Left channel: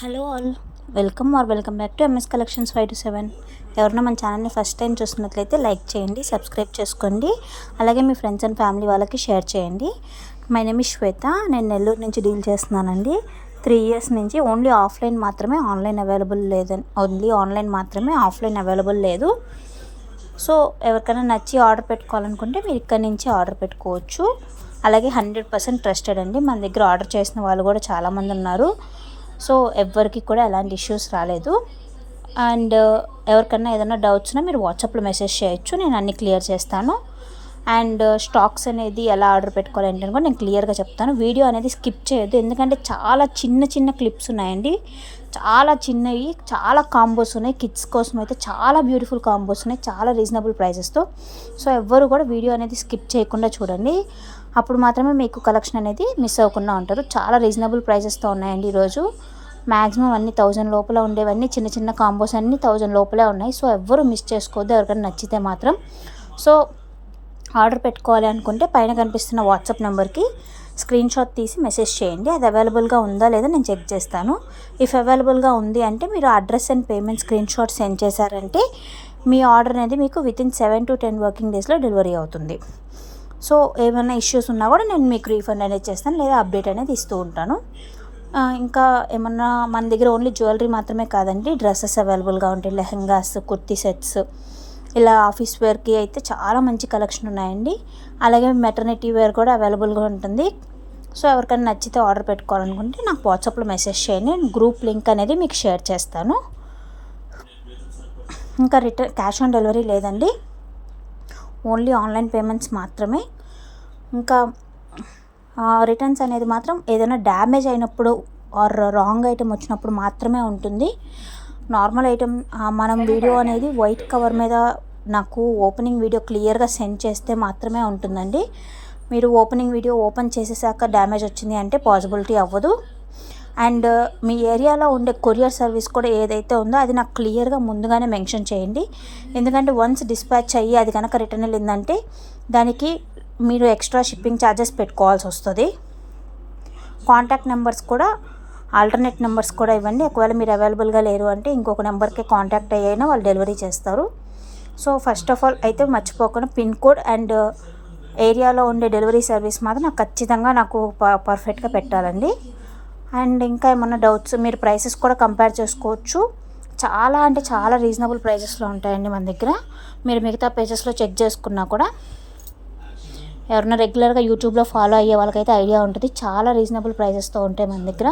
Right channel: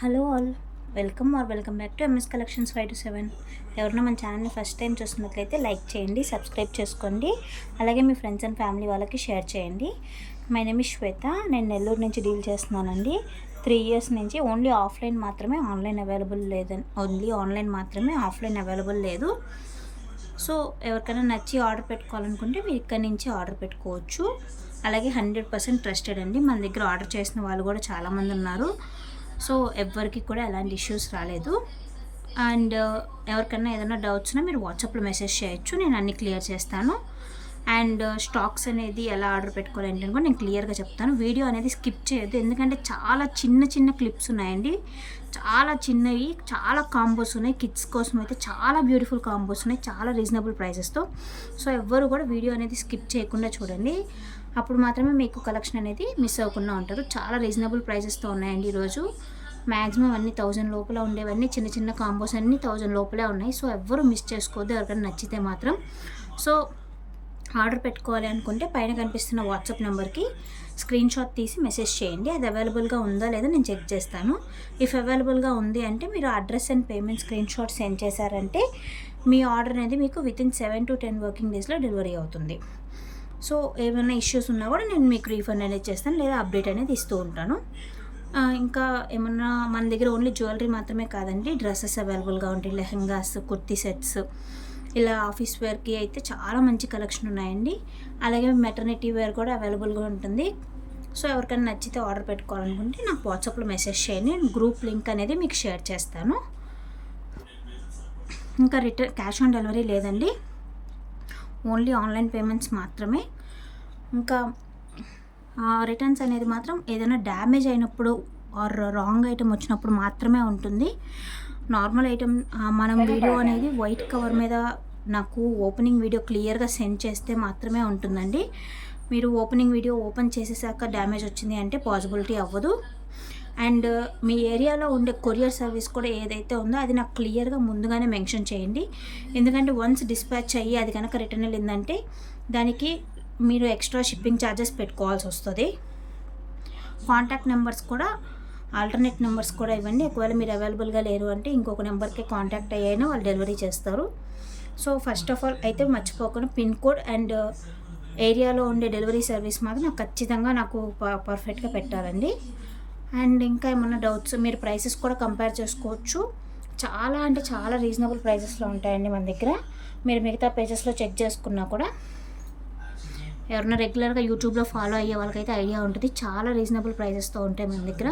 Hello all, welcome back to MS collections 5-7. ఎవరైనా మన ఛానల్ని ఫస్ట్ టైం చూస్తున్నట్లయితే లైక్ చేయండి, సబ్స్క్రైబ్ చేసుకోండి. అలాగే మీ ఫ్రెండ్స్ అండ్ ఫ్యామిలీ వాళ్ళకి షేర్ చేయండి. మై నేమ్ ఇస్ శ్వేత. నేను నెల్లూరు నుంచి డీల్ చేస్తున్నానండి. 3 years నుంచి ఓన్లీ ఆఫ్లైన్ మాత్రమే, ఆన్లైన్ అవైలబుల్ లేదని, ఓన్లీ ఆన్లైన్ మాత్రమే, ఆఫ్లైన్ అవైలబుల్ లేదు. సో ఎవరికైనా నచ్చి ఆర్డర్ పెట్టుకోవాలనుకుంటే మీరు ఇక్కడ నుంచి ఆర్డర్ పెట్టుకోవచ్చు. అలాగే 100% ట్రస్టెడ్ అండి. మన దగ్గర ఆర్డర్ చేసిన వాళ్ళు కూడా చాలామంది ఉన్నారు. సో ఎవ్వరికి కూడా ఎలాంటి ఇష్యూస్ రాలేదు. అండ్ ఎవరికన్నా ఏదైనా డౌట్స్ ఉన్నా మీరు వాట్సాప్లో మెసేజ్ చేయొచ్చు, నేను అన్నీ క్లియర్ చేస్తాను. అండ్ స్టాక్స్ అనేది ఎలా ఆర్డర్ పెట్టుకోవాలి ఏంటని కూడా నేను క్లియర్గా చెప్తాను. వీడియో అనేది స్కిప్ చేయొద్దు, ఎందుకంటే చాలా చిన్న క్లిప్స్ ఉన్నాయండి. చాలా చిన్నవి, చాలా కాంబోస్ ఉన్నాయి. కిడ్స్ కోసం అయితే చాలా బ్యూటిఫుల్ కాంబోస్ ఉన్నాయి, చాలా రీజనబుల్ ప్రైజెస్తో. సో ఎవ్వరు కూడా వీడియో అనేది స్కిప్ చేయకుండా చూడండి, అప్పుడు మాత్రమే మీకు కలెక్షన్ అనేది మిస్ అవ్వకుండా ఉంటారు. చాలా రీజనబుల్ ప్రైజెస్తో ఉన్నాయండి ఈరోజు. మ్యాక్సిమం అన్ని 1000 లోపల ఉండేవన్నీ, చిన్న కాంబోస్ అన్నీ 1000 లోపలే ఉన్నాయి. సో ఎవ్వరు మిస్ చేసుకోవద్దు, ఎవరికైనా నచ్చితే మాత్రం. సో ఆర్డర్ పెట్టుకోవాలి అనుకుంటే పైన కనిపిస్తున్న వాట్సాప్ నెంబర్కి స్క్రీన్ షాట్ తీసి మెసేజ్ చేయండి. అది అవైలబుల్గా ఉందా లేదా నేను చెక్ చేస్తాను. ఇఫ్ అవైలబుల్గా ఉంది అంటే మీరు address and payment screen shot send చేశారంటే మీ ఆర్డర్ అనేది మీకు వితిన్ 7 to 10 వర్కింగ్ డేస్లో డెలివరీ అవుతుంది. సో ఏమైనా ఇష్యూస్ ఉన్నా కూడా నేను మీకు రీఫండ్ అనేది చేస్తాను, లేదా అప్డేట్ అనేది ఇస్తూ ఉంటాను. ఇంకా ఏమన్నా మన దగ్గర ఓన్లీ జ్యువెలరీ మాత్రమే కాదండి, డ్రెస్సెస్ అవైలబుల్గా ఉంటాయి. లెహంగాస్, కుర్తీ సెట్స్, ఇలా ఆఫీస్ వేర్కి అయితే చాలా మంచి కలెక్షన్ ఉన్నాయండి. అలాగే మెటర్నిటీ వేర్ కూడా అవైలబుల్గా ఉంటుంది. సో ఎవరికైనా నచ్చితే ఆర్డర్ పెట్టుకోవాలనుకుంటే నాకు వాట్సాప్లో మెసేజ్ చేయండి, నేను గ్రూప్ లింక్ అనేది మీకు షేర్ చేస్తాను. ఇంకా రిటర్న్ క్యాష్ ఆన్ డెలివరీ లేదండి, ఓన్లీ ఆన్లైన్ పేమెంట్స్ మాత్రమే. ఇంకా రిటర్న్స్ అనేది మాత్రం ఏదైనా డ్యామేజ్ అయినప్పుడు ఆర్ రాంగ్ ఐటెం వచ్చినప్పుడు మాత్రమే ఉంటుంది. నార్మల్ ఐటెం మనం వీడియో అనేది వైట్ కవర్ మీద నాకు ఓపెనింగ్ వీడియో క్లియర్గా సెండ్ చేస్తే మాత్రమే ఉంటుందండి. మీరు ఓపెనింగ్ వీడియో ఓపెన్ చేసేసాక డ్యామేజ్ వచ్చింది అంటే పాసిబిలిటీ అవ్వదు. అండ్ మీ ఏరియాలో ఉండే కొరియర్ సర్వీస్ కూడా ఏదైతే ఉందో అది నాకు క్లియర్గా ముందుగానే మెన్షన్ చేయండి. ఎందుకంటే వన్స్ డిస్పాచ్ అయ్యి అది కనుక రిటర్న్ వెళ్ళిందంటే దానికి మీరు ఎక్స్ట్రా షిప్పింగ్ ఛార్జెస్ పెట్టుకోవాల్సి వస్తుంది. కాంటాక్ట్ నెంబర్స్ కూడా, ఆల్టర్నేట్ నెంబర్స్ కూడా ఇవ్వండి. ఒకవేళ మీరు అవైలబుల్గా లేరు అంటే ఇంకొక నెంబర్కి కాంటాక్ట్ అయ్యినా వాళ్ళు డెలివరీ చేస్తారు. సో ఫస్ట్ ఆఫ్ ఆల్ అయితే మర్చిపోకుండా పిన్ కోడ్ అండ్ ఏరియాలో ఉండే డెలివరీ సర్వీస్ మాత్రం నాకు ఖచ్చితంగా నాకు పర్ఫెక్ట్గా పెట్టాలండి. అండ్ ఇంకా ఏమన్నా డౌట్స్, మీరు ప్రైసెస్ కూడా కంపేర్ చేసుకోవచ్చు. చాలా అంటే చాలా రీజనబుల్ ప్రైజెస్లో ఉంటాయండి మన దగ్గర. మీరు మిగతా పేజెస్లో చెక్ చేసుకున్నా కూడా, ఎవరైనా రెగ్యులర్గా యూట్యూబ్లో ఫాలో అయ్యే వాళ్ళకైతే ఐడియా ఉంటుంది, చాలా రీజనబుల్ ప్రైజెస్తో ఉంటాయి మన దగ్గర.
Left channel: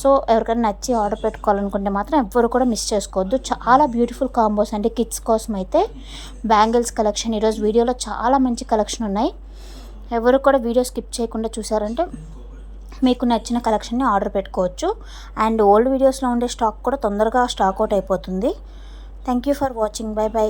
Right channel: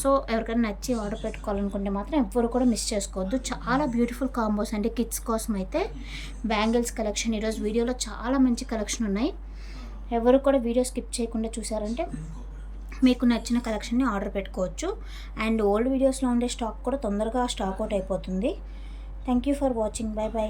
సో ఎవరికైనా నచ్చి ఆర్డర్ పెట్టుకోవాలనుకుంటే మాత్రం ఎవ్వరు కూడా మిస్ చేసుకోవద్దు. చాలా బ్యూటిఫుల్ కాంబోస్ అంటే కిడ్స్ కోసం అయితే బ్యాంగిల్స్ కలెక్షన్ ఈరోజు వీడియోలో చాలా మంచి కలెక్షన్ ఉన్నాయి. ఎవరు కూడా వీడియో స్కిప్ చేయకుండా చూసారంటే మీకు నచ్చిన కలెక్షన్ని ఆర్డర్ పెట్టుకోవచ్చు. అండ్ ఓల్డ్ వీడియోస్లో ఉండే స్టాక్ కూడా తొందరగా స్టాక్ అవుట్ అయిపోతుంది. Thank you for watching. By.